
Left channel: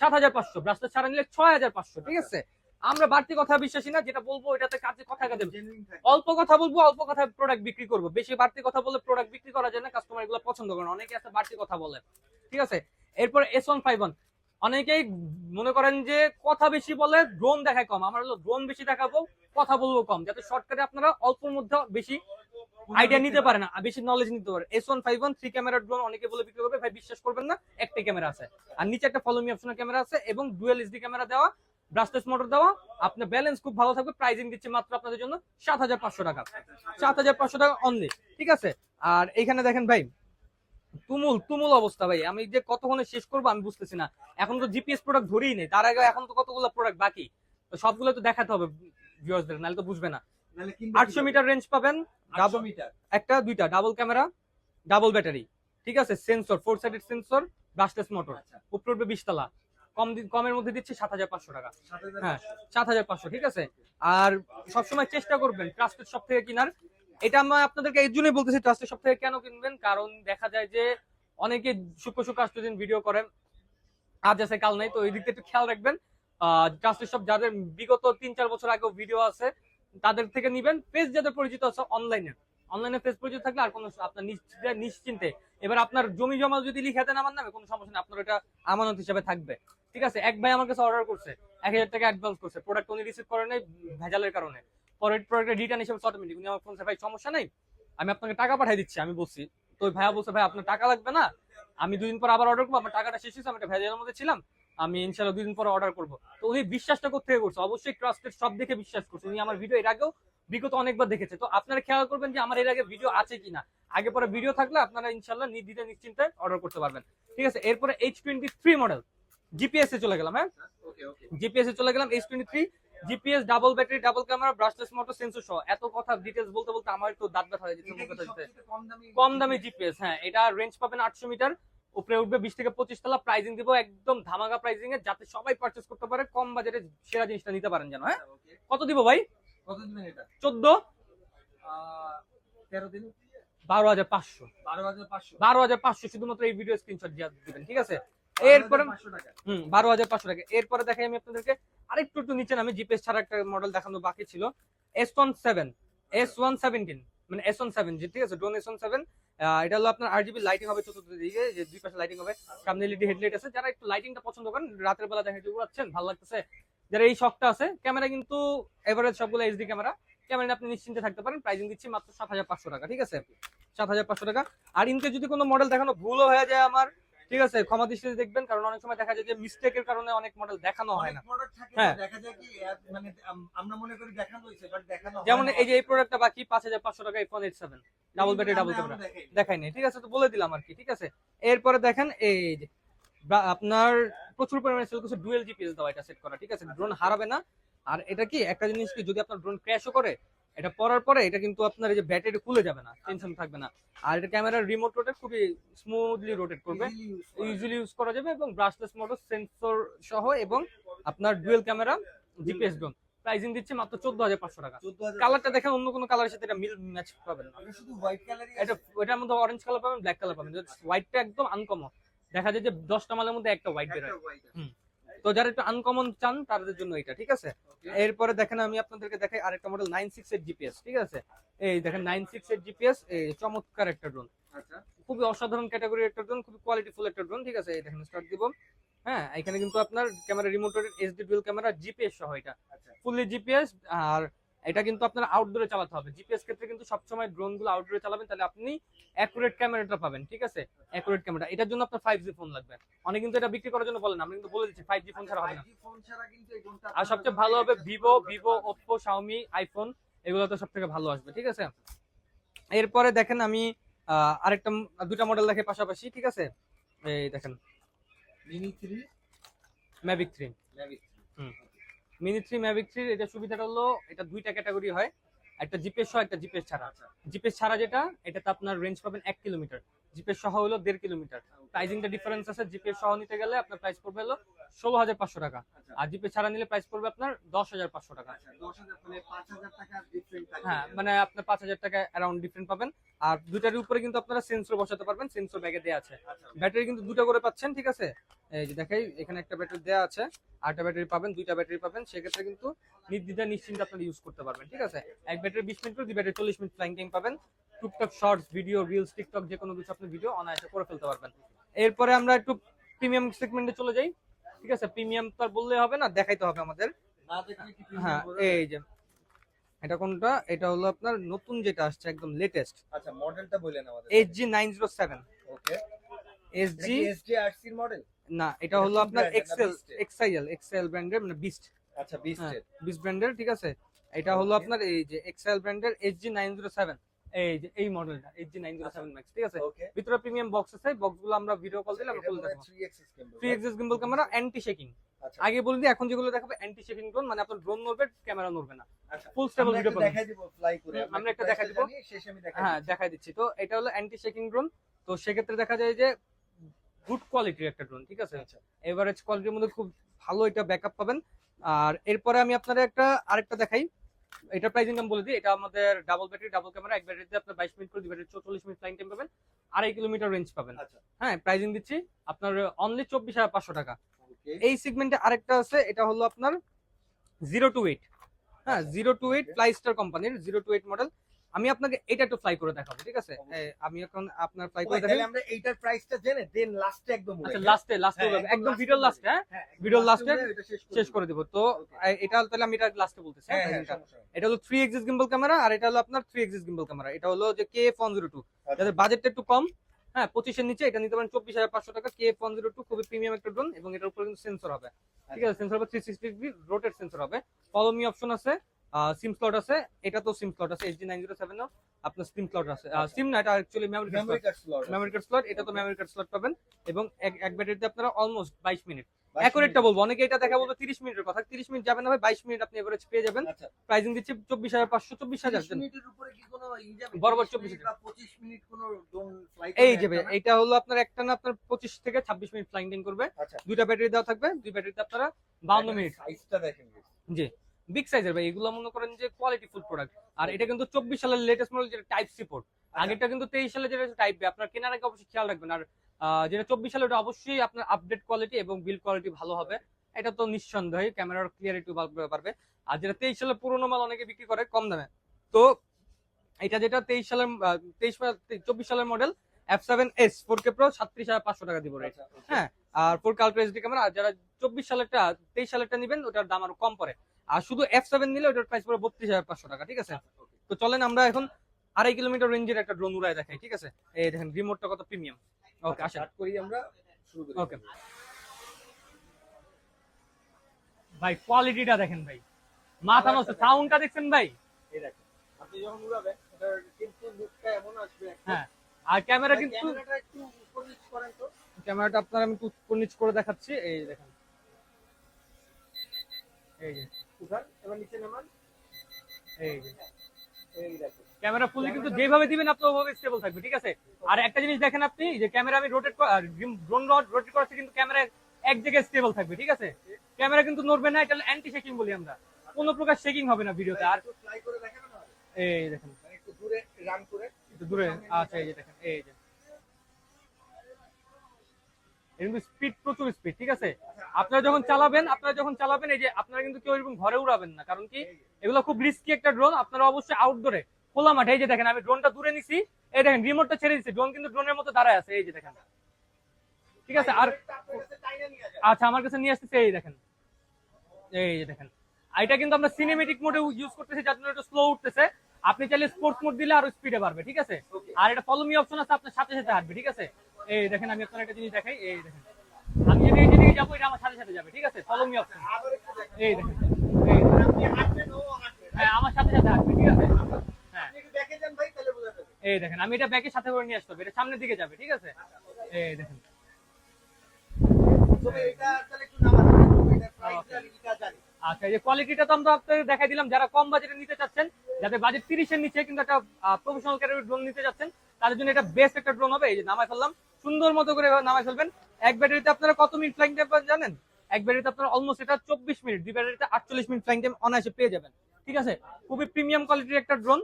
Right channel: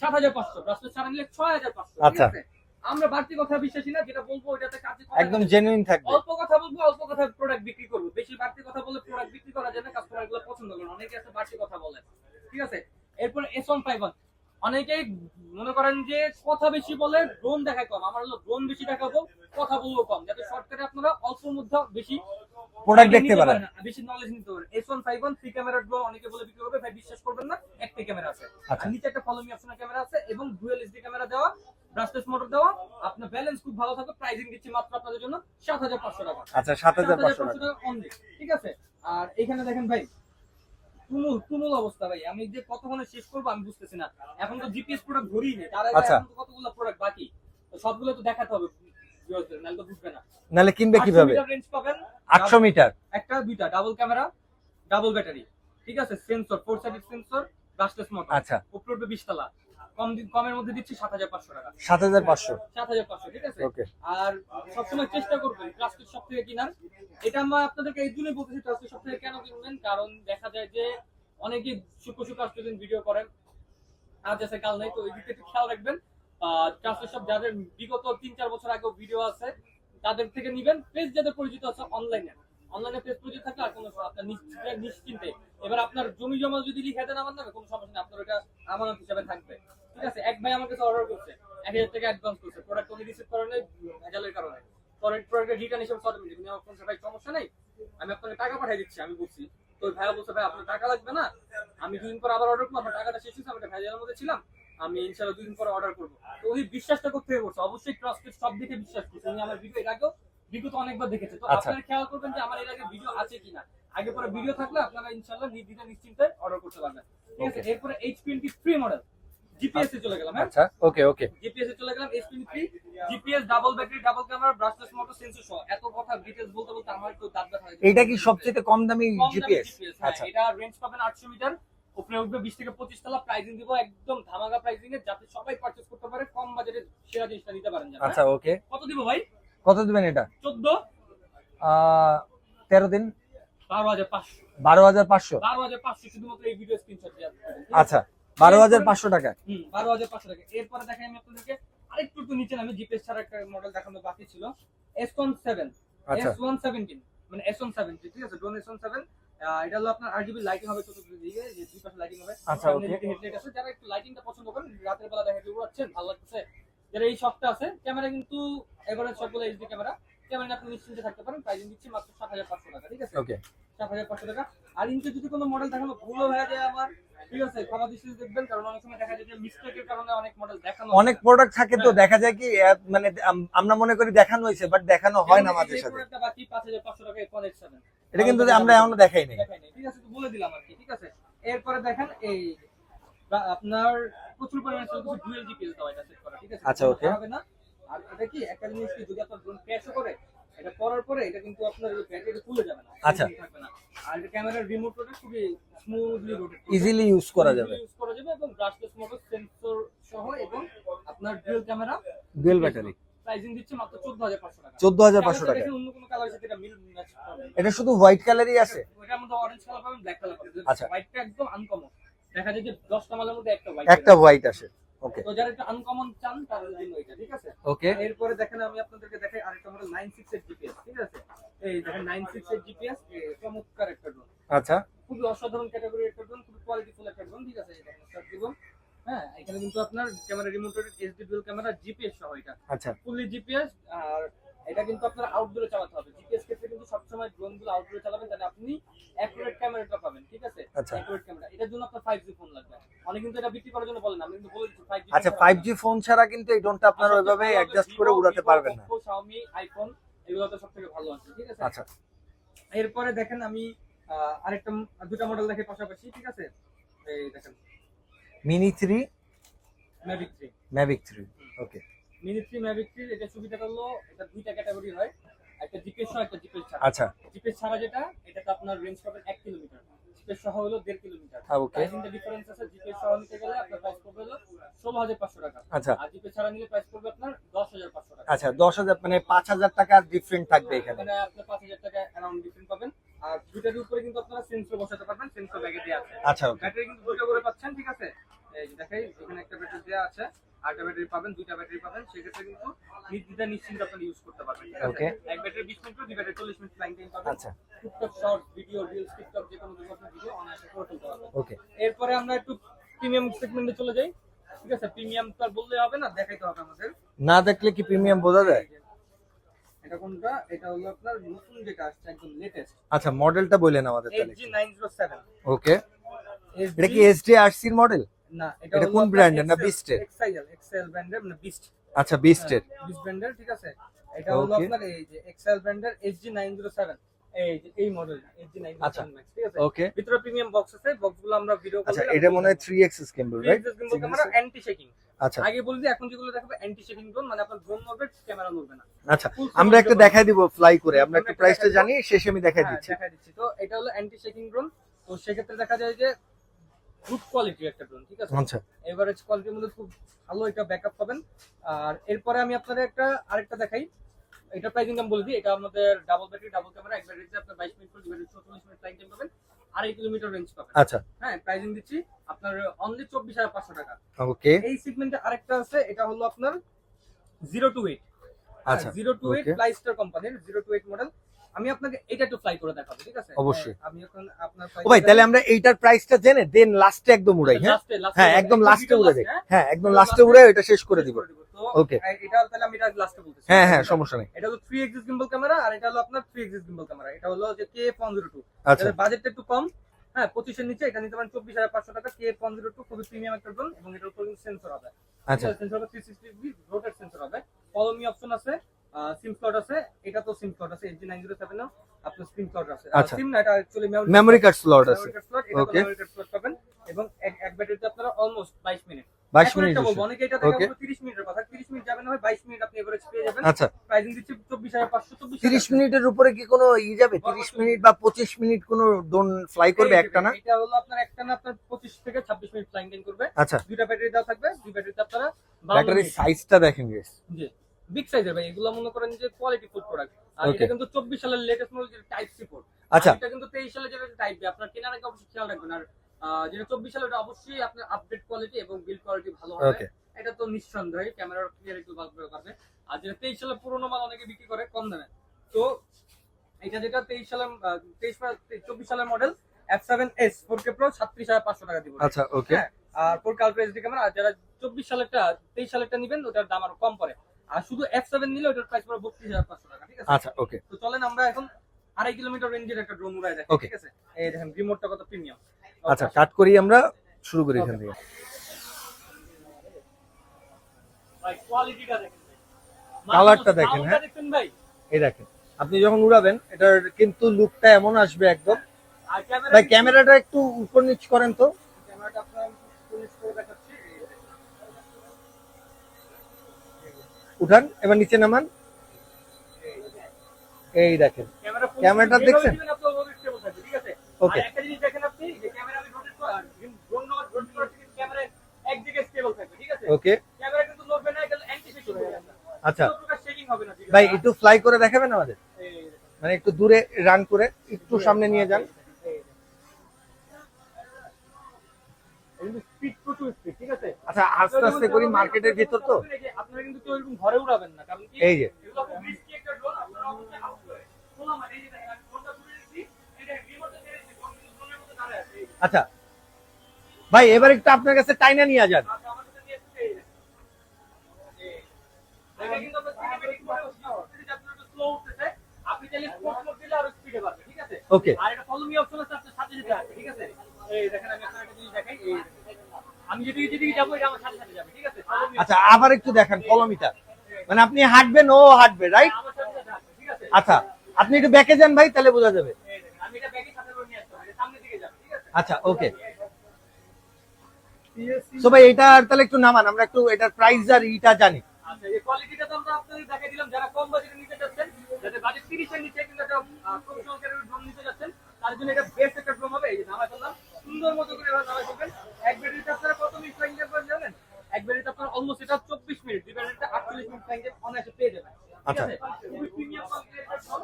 7500, ব্রাশলেস ছাড়া নিলে 6500, ঠিক আছে? আমরা বাড়তি কথা বিশ্বাসী না, যেটা বলবো এটাতে কাজে কথা একদম জেনুইন থাকবে। অল্প কথা বলবো, অল্প কথা প্রোডাক্ট বিক্রি করব। বেশি বাড়তি কথা বলে প্রোডাক্ট বিক্রি করা যায় না, কাস্টমার এগুলো পছন্দ করে না, অনেকে আছে বাড়তি কথা বলে, ঠিক আছে? এরপর S151, অনেকেই মনে করেন যে কথা বেশি বলে ড্রোন দেখায় কম। আমরা হলো ড্রোন বেশি দেখাবো, কথা বলবো কম, যাতে শর্টকাটে আপনারা অল্পের মধ্যে বেশি প্রোডাক্ট দেখতে পারেন, বেশি নলেজ নিতে পারেন। S151 3 ক্যামেরা ড্রোন, অনেকে বলে বিক্রি করবে, ভাই বিশ্বাস করবেন না, একটা ক্যামেরা আছে আর নিচে একটা ফলো মি অপশনাল ক্যামেরা আছে এবং ডুয়াল এইচডি ক্যামেরা দেওয়া, ব্রাশলেস মোটর দেওয়া। আপনার ব্যালেন্স খুব ভালো থাকবে। প্রাইসিং দিচ্ছি মাত্র আপনাদের জন্য 7500 টাকা। আচ্ছা, 7500 টাকা অনলি, ঠিক আছে? আর এখানে দেখেন ভাই তুমুল অবস্থা ভাই, আমি যে কতক্ষণে শেষ করবো আমি বুঝতেছি না। এখন তো জিপিএস প্রোডাক্ট ধরেই নেই, তার আগে এখন তো কতগুলো প্রোডাক্ট বাকি, তো সবগুলো তো দেখাতে হবে ভিউয়ারদের, নাহলে তো বুঝবে না। নালে কিনবে 800 কিভাবে? মিটার রেঞ্জ পাবেন, 800 মিটার, একটা দুইটা ডাবল ক্যামেরা, ডাবল ব্যাটারি, ঠিক আছে? Sensor, 4 sided sensor, brushless motor. আচ্ছা, উপরে উঠবে 20 তলা। কমের মধ্যে দিচ্ছি 7500 টাকা। 7500, 7500, ঠিক আছে? ওকে। আর সবসময় চেষ্টা করবেন ট্রাস্টেড শপ থেকে কেনার। এটা আমি আপনাদেরকে এই জন্যই বলতেছি ট্রাস্টেড শপ থেকে কেন কিনবেন, কারণ দেখা যায় যে অনেকে শুক্র আসতে ভিডিও করেন, আজ আছে কাল নাই, তো এই দিকটা একটু খেয়াল রাখবেন। ট্রাস্টেড শপ যাদের বিগত 3-4 বছর আগেও ভিডিও আছে তাদের থেকে নিবেন। পেজ যাদের পরিচিত আছে অনলাইনে পেজ পরিচিত থাকলে আর কোনো আপনার নিশ্চিন্তে, এবার আপনার জমি জমা যদি লিখে দেন আমার নামে কোনো সমস্যা নেই, আপনার এটা আমানত হিসেবে থাকবে, ঠিক আছে? এক ভাই আমার কাছে অর্ডার করছে, 1000 টাকা অ্যাডভান্স করছে, প্রোডাক্ট উনি রিসিভ করে নাই ভেজালের কারণে, পরে প্রোডাক্টের রিটার্ন হিসেবে অটোমেটিক উনি আমার ফোনছে, ভাই সমস্যা নেই আমি আপনাকে টাকা পাঠিয়ে দিচ্ছি। আমি বলছি, তো ভাইয়া বলছে ভাই আপনার টাকা লাগবে না, আমি 2 দিন পর আবার অর্ডার করবো, আপনার টাকাটা শেষ হয়েছে, আমি একটা ভেজালের মধ্যে ছিলাম, আমি ইনশাআল্লাহ 2 দিন পরে অর্ডার করবো। তো উনি বিশ্বাসটা করতে করছে, অবশ্যই ট্রাস্টেড সব দেখে বিশ্বাস করছে। উনি আমার ভিডিও এর আগেও বিগত অনেকবার দেখেছে, তো আপনারা খেয়াল করবেন যে আমার এর আগে ভিডিও আছে কিনা, আগে পরে ভিডিও থাকলে আপনারা ইনশাআল্লাহ নিশ্চিন্তে অর্ডার করতে পারবেন, ঠিক আছে? এরপরে H23 মডেল জিপিএস এ চলে গেলাম। হ্যাঁ, আচ্ছা, ওকে ওকে, জিপিএস এ চলে গেলাম। H23 GPS, double battery, double camera, brushless motor, sensor সহ। এত কথা ডিটেইলস বলতে বলতে আমার একটু দাঁত ব্যথা হয়ে যাচ্ছে। এটা কি সবচেয়ে কম দামি জিপিএস? হ্যাঁ, এটা রেঞ্জ পাবেন 800 মিটার, উপরে উঠবে 20 থেকে 25 তলা। প্রাইসিং দিব একদম ধামাকা প্রাইসিং এ, যাতে সবাই পারচেজ করতে পারে, কম বাজেটে সেরা জিনিসটা নিতে পারেন যেন। আচ্ছা, ওকে। কত দিব ভাই? কত দিবেন এটা? 14 13 দিন 12500। 12500 শুধুমাত্র এই ভিডিও স্ক্রিনশট দিয়ে দিবেন, ঠিক আছে? আচ্ছা, 12500 টাকা। 12500 টাকা। এরপরে দেখাই আমি আপনাদেরকে আরেকটু নিচে নামে জিপিএস ছাড়া একটা মডেল দেখানো বাকি ছিল, S17, S117 মানে S17, ঠিক আছে? Drone S17। এটা হলো আপনার আরজিবি লাইটিং হবে চতুর্থ দিকে, যে দুই পাশে লাইটিং হবে, সামনে এলইডি হেডলাইট আছে। যারা একটু লাইটিংটা পছন্দ করেন, রাতের বেলা দেখে একটু ঘোরাচ্ছেন ভালো লাগতেছে, যারা এই শখটা আছে। ক্যামেরা কিন্তু এভারেজ সবগুলো এইচডি ক্যামেরা আপনি নিশ্চিন্তে থাকতে পারেন। প্রাইসিং দিচ্ছি মাত্র 7500 টাকা, ঠিক আছে? ওকে, 7500 টাকা। আর ইনকে যদি কোনো মডেল দেখানো ভুলও হয়ে যায় আমার, ঠিক আছে, ক্ষমা দৃষ্টিতে দেখবেন, কারণ অনেক সময় দেখা যায় যে মিস্টেকের কারণে অনেক মডেল দেখানো হয় না। অনেক প্রোডাক্ট থাকে তো দেখা যায় কি মানে আমরা মনে করি দেখানো হয়েছে বাট দেখানো হয় না। এই যে এই প্রোডাক্টটা বাকি 5500 টাকা F187, এটা কিন্তু আমরা এখনো দেখাই নাই, ঠিক আছে? তো বলে দিলাম আর কি, ঠিক আছে? এরপরে দেখেন এই যে আপনার প্রচুর পরিমাণে ডুয়াল জিপিএস দেওয়া, এটা সেট করা, ঠিক আছে? আচ্ছা, হারাবে না। আর এটা কি একটা জিনিস কি, যদি আপনার ড্রোন ক্র্যাশও করে, এটা পরার পরে এটা কিন্তু আপনার এই যে ব্যাটারি খুলে যাবে না, থাকবে না। আর এটা ক্যামেরার রিমোট রোটেট খুবই স্মুথলি রোটেট করবে, ইজিলি ইউজ করা যাবে এবং ব্রাশলেস মোটর, সেন্সর সহ এবং আপনার dual camera, dual battery. Pricing দিচ্ছি মাত্র 14500 টাকা। 14500 টাকা। দেখেন অন্য কোনো কালারের সাথে এটা মিল ম্যাচ পাবেন। এটা শুধু হোয়াইট কালারই আছে? ওটার মধ্যে অরেঞ্জ কালার পাবেন, ব্ল্যাক কালার পাবেন। হোয়াইটটা একদম আনকমন, দেখা যায় যে 10টা মালের মধ্যে একটা হোয়াইট আসে। ওকে, তো যারা একটু আনকমন চান তাদের জন্য এটা, ঠিক আছে? ওকে। এরপরে দেখেন আমি আপনাদেরকে দেখাই আরেকটা মডেল 96 জিপিএস, ঠিক আছে? এই দেখেন 96 জিপিএস, এই চমৎকার একটা ড্রোন। আচ্ছা, খুবই অসাধারণ ক্যাটাগরির একটা ড্রোন, খুবই কোয়ালিটিফুল একটা ড্রোন, ঠিক আছে? এই দেখেন স্টার্ট দিব। হ্যাঁ, এখানে কিন্তু আপনার camera remote HD dual camera, GPS সহ এটা। আচ্ছা, ফুললি জিপিএস। আর এটা কিন্তু আপনার আউটডোরে চালাতে হবে। জিপিএস ক্ষেত্রে কিন্তু সবসময় ড্রোন গুলো আউটডোরে চালাবেন, তাহলে আপনি অ্যাকুরেট ক্যামেরাটা পাবেন, ঠিক আছে? আচ্ছা অ্যাকুরেট ক্যামেরা, এটার জন্য আপনার 5G ফোন লাগবে। অনেক কিন্তু এটা বিক্রি করার জন্য বলেন, আমরা কিন্তু বলে দিচ্ছি 5G ফোন আচ্ছা, ছাড়া 5G ফোন ছাড়া কিন্তু এই ড্রোনটা আর আপনারা সবচেয়ে ওইভাবে ভালো হবে অ্যাডজাস্ট করে ভিভো, উড়াতে পারবেন না। ওপ্পো, শাওমি, আইফোন এগুলোতে সবথেকে ভালো আসবে, ঠিক আছে? আচ্ছা এরপরে দেখেন আমি আরেকটা দুইটা মডেল দেখাই পাশাপাশি, ঠিক আছে? এই দেখেন মিনি 3 ম্যাভিক 3। ম্যাভিক 3 হুম। ওকে মিনি 3 ম্যাভিক 3 এটা সুবিধাটা হলো এটা দুইটা ক্যাটাগরি হয়, একটা জিপিএস সহ একটা জিপিএস ছাড়া। আচ্ছা জিপিএস ছাড়া যেটা এটাতে আপনার রেঞ্জ পাবেন 1 কিলোমিটার, জিপিএস সহ হলো 1.5 কিলোমিটার। ওকে প্রাইসিংটা ডিফারেন্স আছে, জিপিএস সহ নিতে গেলে আপনার প্রাইস পড়বে হলো 16500 টাকা, আচ্ছা আর জিপিএস ছাড়া নিলে প্রাইস পড়বে আপনার 10500 টাকা। আচ্ছা 10,000 মানে 5,000 টাকার ডিফারেন্ট থাকবে হ্যাঁ, এখানে। মানে আপনার 5000 টাকা অ্যারাউন্ড ডিফারেন্ট পাবেন। আর দুইটার উপরে কিন্তু আপনারা সেন্সর বসাতে পারবেন, সেন্সর ব্যাগে দেয়া আছে। আচ্ছা ব্যাটারি কিন্তু দুটো করে পাচ্ছেন, ঠিক আছে? এই যে দেখাই এখানে একটা ব্যাটারি দেয়া আছে, আরেকটা ব্যাটারি পাবেন, দুইটা ব্যাটারি পাবেন। সেক্ষেত্রে কিন্তু নির্দ্বিধায় নিশ্চিন্তে আপনারা ইউজ করতে পারবেন, ঠিক আছে? Okay. এক ব্যাটারি 20 মিনিট করে, দুই ব্যাটারি 40 মিনিট ফ্লাইং টাইম পাবেন। আচ্ছা টুকটাক শর্টস, ভিডিও, রিলস, টিকটক যে কোনো কিছু আপনি ভিডিও অনায়াসে করে ফেলতে পারবেন। ওকে এরপরে আমরা একটু প্রিমিয়াম সেগমেন্টে চলে যাই, ঠিক আছে? প্রিমিয়াম তো আর বললে হবে না, দেখাইতে হবে আমাদের। না দেখলে কি প্রিমিয়াম হ্যাঁ, বোঝা যায়? এই যে এটা কোনটা? এটা হলো আপনার নতুন যেটা আসছে একদম লেটেস্ট, আচ্ছা মডেলটা বলেন আমাদের তাহলে। HG907। ওকে এটা কি SJRC এর মডেল? না, এটা এটা হলো কোন ব্র্যান্ডের না বিস্টের? এক্সেল ব্র্যান্ডের, মানে বিস্ট। আচ্ছা বিস্টের বিস্ট ব্র্যান্ডের, ঠিক আছে? এটা হলো Okay. আপনার এই যে এক্সেল ব্র্যান্ডের HG907, এই যে এই মডেলটা আচ্ছা। HG907 Max, ঠিক আছে? ওকে ভিতরে প্রিমিয়াম বক্স আছে, বক্সগুলো আমরা ভিডিও আচ্ছা এটা মনে হয় 3x স্ক্যাম্বল right? 3x gimbal camera, anti shaking. আচ্ছা আগে বলিনি, এখন যেগুলো দেখাবো অ্যান্টি শেকিং ড্রোন, মানে আপনার ড্রোন নড়বে, ক্যামেরা নড়বে না। আচ্ছা Full আমরা screen একটা উপরে দেখাই দিব ফ্লাই করে, আমরা আমরা একটু একটা প্রাইসটা দেখাই দিব। জানি শেষে আমি দেখাই হ্যাঁ, দিচ্ছি। দেখাই দিচ্ছি। তো এটা হলো অ্যান্টি শেকিং ড্রোন। তো সেক্ষেত্রে দেখা যায় যে গুড কোয়ালিটির একটা ড্রোন, ঠিক আছে? আচ্ছা এভারেজ কোয়ালিটির মধ্যে খুব ভালো এটা ব্যাকআপ পাবেন। আর এরপরে আমি আপনাদের আরেকটা দেখাই, এটা প্রাইসিং দাম বলে দিই। এটা আমাদের ডাবল ব্যাটারি, ডাবল ক্যামেরা, এক ব্যাটারিতে আপনার 22 মিনিট করে, দুই ব্যাটারি 40 মিনিট ফ্লাইং টাইম পাবেন, 2.5 কিলোমিটার রেঞ্জ পাবেন। আচ্ছা হ্যাঁ, প্রাইসিং দিচ্ছি আপনার অনলি 24500 টাকা। ওকে এই সেগমেন্টে আরেকটা আছে, এটা হলো আপনার 0 to 8। আচ্ছা 0 to 8 okay. ফ্লাইস্টার কোম্পানির 0 to 8 মডেল। আমি আপনাকে এটা একটু ফ্লাই করে দেখাবো, ঠিক আছে? অবশ্যই। আমি এখন আপনার ফ্লাই ও ভাই তাহলে আমরা এইটার প্রাইসটা জেনে দেন লাস্টে একদম উড়াই। হ্যাঁ হ্যাঁ একদম লাস্টে উড়াই দেই। হ্যাঁ একদম লাস্টে উড়াই এটা শেষ করে দিব। তো Okay. এটা তাহলে আমি এটা লাস্টে বলতেছি। হ্যাঁ হ্যাঁ সমস্যা নেই। এটা হলো 3 axis gimbal ক্যামেরা, আর এটা হলো আপনার 3 axis gimbal ক্যামেরা। এটা হলো যে KF102, আচ্ছা যাদের বাজেটটা একটু কম, হ্যাঁ 25 এর নিচে, এটা নিতে পারেন 24500 টাকা। KF102 খুবই প্রিমিয়াম একটা ড্রোন, এবং এটার উপরে কিন্তু সেন্সর হবে, ঠিক আচ্ছা আছে? সেন্সর হবে 360 ডিগ্রি রোটেট সেন্সর হবে। ফলো মি অপশন আছে, সিম স্লট আছে, এটা তো সিম স্লট আছে। HG907 না, আপনার সিম স্লট আছে। আচ্ছা। সিম না, এটা অ্যাকচুয়ালি মেমরি কার্ড স্লট আছে। Memory card slot. এটা তো Okay. মেমরি কার্ড স্লট পাবেন, এবং এক ব্যাটারিতে আপনারা অলমোস্ট 22 মিনিট। 22 এখন মিনিট একটা বলবো, অনেকে এটা দেখে Okay. বলবে 30 মিনিটের কথা। 30 মিনিট যাবে না ভাই, 22 মিনিট আপনি এভারেজ পেয়ে যাবেন। আচ্ছা প্রাইসিং দিচ্ছি 24500। 30 মিনিটের উপরে কি কোনো যাবে? বরাবর 30 মিনিট বা 25 মিনিট কোনো ড্রোন ফ্লাই করবে একটা না? এটা হলো আপনার একটা না, আপনার 25 থেকে 26 মিনিট ফ্লাইং টাইম করবে। আচ্ছা দুইটা ব্যাটারি দেওয়া থাকবে, দুই ব্যাটারিতে আপনারা 52 ব্যাটারির মিনিট। সাইজটা দেখেন গাইস। জি, বিগ সাইজের ভাই, এগুলো মনে করেন যে কোয়ালিটি ফুল প্রোডাক্ট। আর Okay. এটা কিন্তু 24 সালের লেটেস্ট মডেল, যেটা টাইপ সি পোর্ট। আচ্ছা এটা কিন্তু 23 সালে যেটা টাইপ বি। আপনার কেনার আগে অবশ্যই খেয়াল রাখবেন। আর যেটা 24 সালে, ওটা অবশ্যই আপনার আপডেট কোয়ালিটি এবং বিল্ড কোয়ালিটি ভালো হবে। ওকে এটা তো নিঃসন্দেহে, ক্যামেরার ক্লিয়ারিটি পারবে। আর যেটা 23 সালের পুরনো মাল অনেকে বিক্রি করে কম দামে। তো এটা যেটা 23 সালের 24 সালের মডেল F7s 4K Pro 37500 টাকা দিব। আচ্ছা ওকে হ্যাঁ, আর 4K Ultra HD ক্যামেরা। আর যারা 24 সালেরটা 23 সালেরটা নেবেন, ওটার দাম আরো কম পড়ে। আর শুধু F7 নিলে ওটার প্রাইস পড়বে 32500 টাকা, ঠিক আছে? আচ্ছা ওকে তো চলেন আমরা এখন 2.5 কিলোমিটার রেঞ্জের একটা ড্রোন উড়ায় দেখি, Okay. ঠিক আছে? এই দেখেন রিমোটটা কত প্রিমিয়াম। আচ্ছা স্টার্ট করি আমরা, শুরু করি এখান Okay. থেকে। ভাই কোয়ালিটিটা দেখেন ভাই, কালারটা দেখেন, সাউন্ডটা হ্যাঁ। দেখছেন ভাই? এই দেখেন আপনি যখন উড়াবেন এটার কিন্তু লুকটা এমন আসবে একদম। হ্যাঁ। আর ক্যামেরা, ভাই ক্যামেরাটা একটু উপর নিচ করেন তো। ক্যামেরাটা আপনার আমি একটু উপর নিচ করে দেখাচ্ছি। এই দেখেন, এই যে, উঠান এবার নিচে নামান। এই যে। এই দেখেন ক্যামেরা ফুল ক্যামেরাটা যেভাবে দেখছেন? দিবেন আপনি ওভাবে স্টেবল থাকবে, ঠিক আছে? আর ওকে একটা জিনিস দেখেন আপনি, যে ক্যামেরা আমি ড্রোন রোটেট করাচ্ছি, কিন্তু ক্যামেরা এক জায়গায় স্টেবল থাকবে, ঠিক আছে? ওকে ক্যামেরা কিন্তু নড়বে না, এটা অ্যান্টি শেকিং বলি আমরা। আচ্ছা কোনো প্রকার শেকিং হবে না ভিডিও। ভাই একটু ফ্লাই করে দেখাবেন আমাদের, এই দেখেন, মানে একটু দূরে রান করে একটু সামনে নিয়ে যান। এই যে দেখেন, এই যে এরকম স্পিড, প্রচুর স্পিড, ঠিক আছে? আচ্ছা আস্তে আপনারা যখন আস্তে করি চালাবেন, মার্কেটের আপনারা যখন ভিতর তো। চালাবেন, এই যে আপনারা কিন্তু কেউ এরকম ঘরে উড়াবেন না, কারণ কি এই যে এগুলো খুব রিস্কি একটা ড্রোন। আপনারা অবশ্যই আউটডোরে খোলা মাঠে, এই যে দেখেন আমি ড্রোনটা দূরে নিছি, এই দেখেন রিমোটটা ছেড়ে দিছি, ড্রোন কিন্তু ড্রোনের মতো দাঁড়ায় আছে, এই যে দেখেন। আচ্ছা ঠিক ভাই আছে? এবার একটু আপনার কাছে টাইনা নিয়ে যান। আচ্ছা আমার কাছে নিয়ে আসতেছে, এই দেখেন, এই যে দেখেন। আর এটা কিন্তু আমরা সিনেমেটিক মোডে ইউজ করতেছি, যার জন্য একটু স্লো উঠতেছে। আপনি চাইলে স্পোর্টস মোড দিলে আরো স্পিডে পারবে, ঠিক আছে? ওকে, আর এটা ফলো মি অপশন আছে, আপনার সাথে সাথে আসবে, ঠিক আছে? এই দেখেন আমি আপনার একটা জিনিস দেখাই, এই দেখেন আমি যদি যেদিকে যাবো এটা আমার সাথে সাথে যাবে, ঠিক আছে? ফলো মি আচ্ছা আবার একটু দেখান কলমিটা, মানে আপনি হাঁটবেন ও হাঁটবে, রাইট? আমার সাথে সাথে আসবে, ঠিক আছে? আচ্ছা আপনি একটু ব্যাকে যান ভাই, তাহলে বোঝা যাবে। এই দেখেন আমি এটা ব্যাকের সাথে করে নিয়ে আসতে হবে, এটা সামনের দিকে যাবে, ঠিক আছে? আচ্ছা ওকে, এই দেখেন সো ভাই এটা তাহলে একটু নামান, আমরা একটু এটার প্রাইস আর ইটা জানি। আচ্ছা, এই কোয়ালিটিটা তো আমরা আপনাদের দেখাই দিলাম। যারা কম বাজেটে নিতে চাচ্ছেন, যাদের বাজেট 30 এর নিচে কিন্তু একটা প্রফেশনাল ক্যাটাগরির ড্রোন নিতে চাচ্ছেন, তাদের জন্য এটা বেস্ট একটা ড্রোন হবে। এই যে নামাই ফেললাম, সুন্দর মতো করে এভাবে নামাই ফেলবেন। এক ব্যাটারিতে আপনারা কত মিনিট ফ্লাইং টাইম জানেন? এক ব্যাটারিতে আপনারা অলমোস্ট এটা 24 মিনিট, দুই ব্যাটারিতে 48 মিনিট ফ্লাইং টাইম অনায়াসে পেয়ে যাবেন, ঠিক আছে? খুবই প্রিমিয়াম কোয়ালিটির একটা ড্রোন।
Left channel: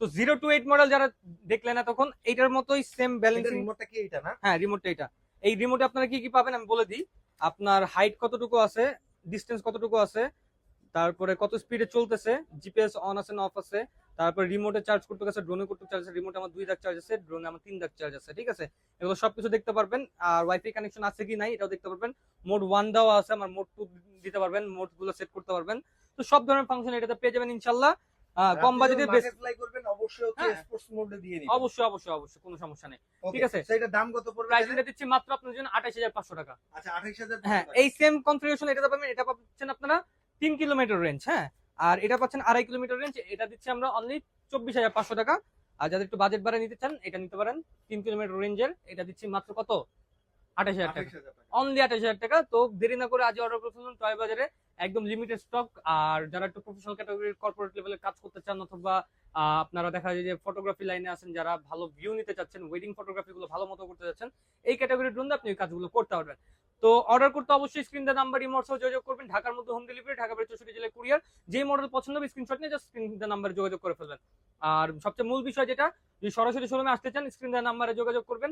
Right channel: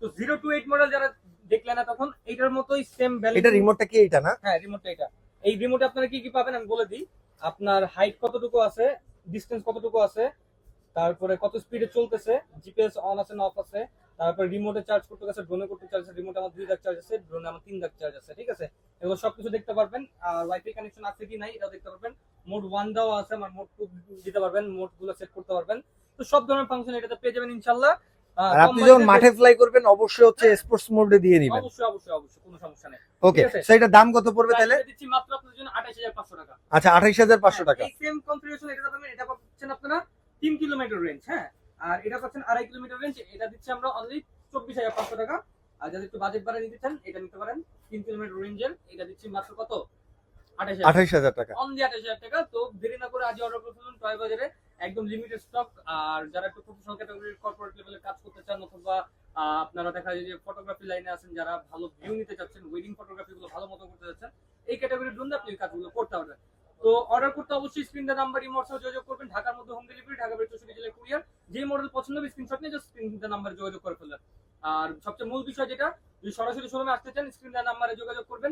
তো 0 to 8 মডেল যারা দেখলেন না, তখন এইটার মতোই সেম ব্যালেন্স। এটা রিমোটটা কি এইটা না? হ্যাঁ, রিমোটটা এটা। এই রিমোটে আপনারা কি কি পাবেন আমি বলে দিই। আপনার হাইট কতটুকু আছে, ডিসটেন্স কতটুকু আছে, তারপরে কত স্পিডে চলতেছে, জিপিএস অন আছে না অফ আছে, তারপর রিমোটে চার্জ করতে আছে, ড্রোনে করতে চার্জ আছে। রিমোটে আমার 2 দাগ চার্জ আছে, ড্রোনে আমার 3 দাগ চার্জ আছে, ঠিক আছে? এগুলো সবকিছু দেখতে পারবেন। আর ওয়াইফাই কানেকশন আছে কি নাই এটাও দেখতে পারবেন। মোড 1 দেওয়া আছে, আমার মোড 2 দিতে পারবেন, মোড গুলো সেট করতে পারবেন। তো সব ধরনের ফাংশন এটাতে পেয়ে যাবেন ইনশাআল্লাহ। আর আপনি যখন মাঠে ফ্লাই করবেন অবশ্যই হচ্ছে স্পোর্টস মোডে দিয়ে দিবেন। অবশ্যই অবশ্যই অবশ্যই, কোনো সমস্যা নেই। ওকে, সো এটা দাম কত পড়বে তাহলে? এটা দিচ্ছি মাত্র আপনাদের জন্য 28500 টাকা। আচ্ছা 28500 টাকা। এই সেম কনফিগারেশন এটাতে পাবেন। এটা পাচ্ছেন আপনারা 3 কিলোমিটার রেঞ্জ, হ্যাঁ, আর এটা পাচ্ছেন 2.5 কিলোমিটার রেঞ্জ। এটা দিচ্ছি আমরা অনলি 24500 টাকা। আর যাদের একটু বাজেট বাড়ায় নিতে চান এটা নিতে পারেন 3 কিলোমিটার রেঞ্জের। এটা দিচ্ছি মাত্র কত? 28000 টাকা। অনলি 28000 টাকা। তো দেরি না করে আজ অর্ডার করে ফেলুন টয় বাজারে, একদম লিমিটেড স্টক। আর যারা একটু প্রফেশনাল ক্যাটাগরির কর্পোরেট লেভেলে কাজ করতে চান, অথবা আপনারা দেখা যায় যে ফটোগ্রাফি লাইনে আছেন, যারা ভালো ভিউ নিতে চাচ্ছেন, ওয়েডিং ফটোগ্রাফি গুলো ভালো মতো করতে চাচ্ছেন, এই ক্যাটাগরির জন্য আপনি এই কাজগুলো করতে পারবেন। তো অর্ডার করতে অবশ্যই স্ক্রিন দা নাম্বার ইমোর সাথে যোগাযোগ করবেন। ঢাকার মধ্যে হোম ডেলিভারি, ঢাকা বাইরে 64 জেলায় কুরিয়ার। যেই মডেল পছন্দ হবে স্ক্রিনশট নিয়ে জাস্ট স্ক্রিন দা নাম্বারে যোগাযোগ করে ফেলবেন। আর সবচেয়ে মূল বিষয় যেটা, যদি সরাসরি শোরুমে আসতে চান স্ক্রিন দা নাম্বারে যোগাযোগ করবেন।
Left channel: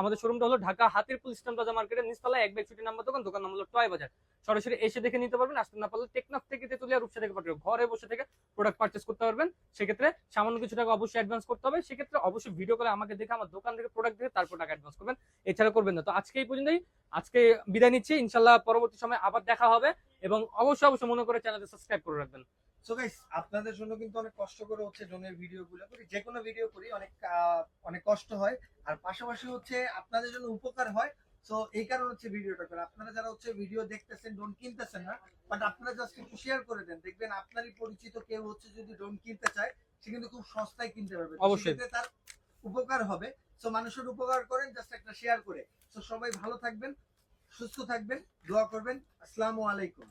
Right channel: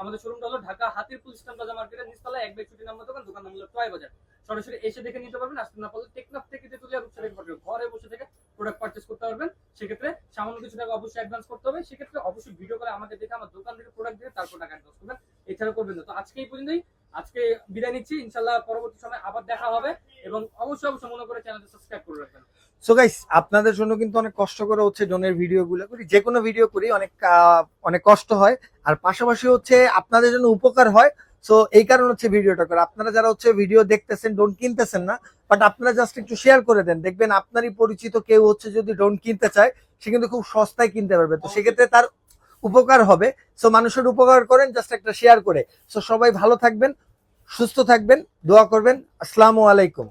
আমাদের শোরুমটা হলো ঢাকা হাতিরপুল স্ট্যান্ড প্লাজা মার্কেটের নিচতলায় 1/60 নাম্বার দোকান, দোকান নাম হলো টয় বাজার। সরাসরি এসে দেখে নিতে পারবেন। আসতে না পারলে টেকনাফ থেকে তেতুলিয়া রূপসা থেকে পাঠাবেন, ঘরে বসে থেকে প্রোডাক্ট পারচেজ করতে পারবেন। সেক্ষেত্রে সামান্য কিছু টাকা অবশ্যই অ্যাডভান্স করতে হবে। সেক্ষেত্রে অবশ্যই ভিডিও কলে আমাকে দেখে, আমার দোকান থেকে প্রোডাক্ট দেখে তারপর টাকা অ্যাডভান্স করবেন, এছাড়া করবেন না। তো আজকে এই পর্যন্তই, আজকে বিদায় নিচ্ছি। ইনশাআল্লাহ পরবর্তী সময় আবার দেখা হবে, এবং অবশ্যই অবশ্যই মনে করে চ্যানেলটি সাবস্ক্রাইব করে রাখবেন। সো গাইস, আপনাদের জন্য কিন্তু অনেক কষ্ট করে হচ্ছে ড্রোনের ভিডিও গুলো করি, যে কোনো ভিডিও করি অনেক কষ্ট হয়, আর পাশাপাশি হচ্ছে আপনাদের জন্য উপকার হয়। সো এই কারণে হচ্ছে ভিডিওটা করে। আপনারা যারা হচ্ছে ভিডিও দেখতেছেন, ড্রোন কিনতেছেন না, বাট আপনারা জাস্ট একটু শেয়ার করে দেন, দেখবেন আপনারই পরিচিত কেউ হচ্ছে যদি ড্রোন কিনতে চায়, সে কিন্তু খুব সস্তায় কিনতে পারবে। তো সেক্ষেত্রে তার উপকার হবে। সো মানুষের উপকার করেন জাস্ট একটা শেয়ার করে। সো সবাই ভালো থাকবেন, সুস্থ থাকবেন, দোয়া করবেন। আসসালামু আলাইকুম।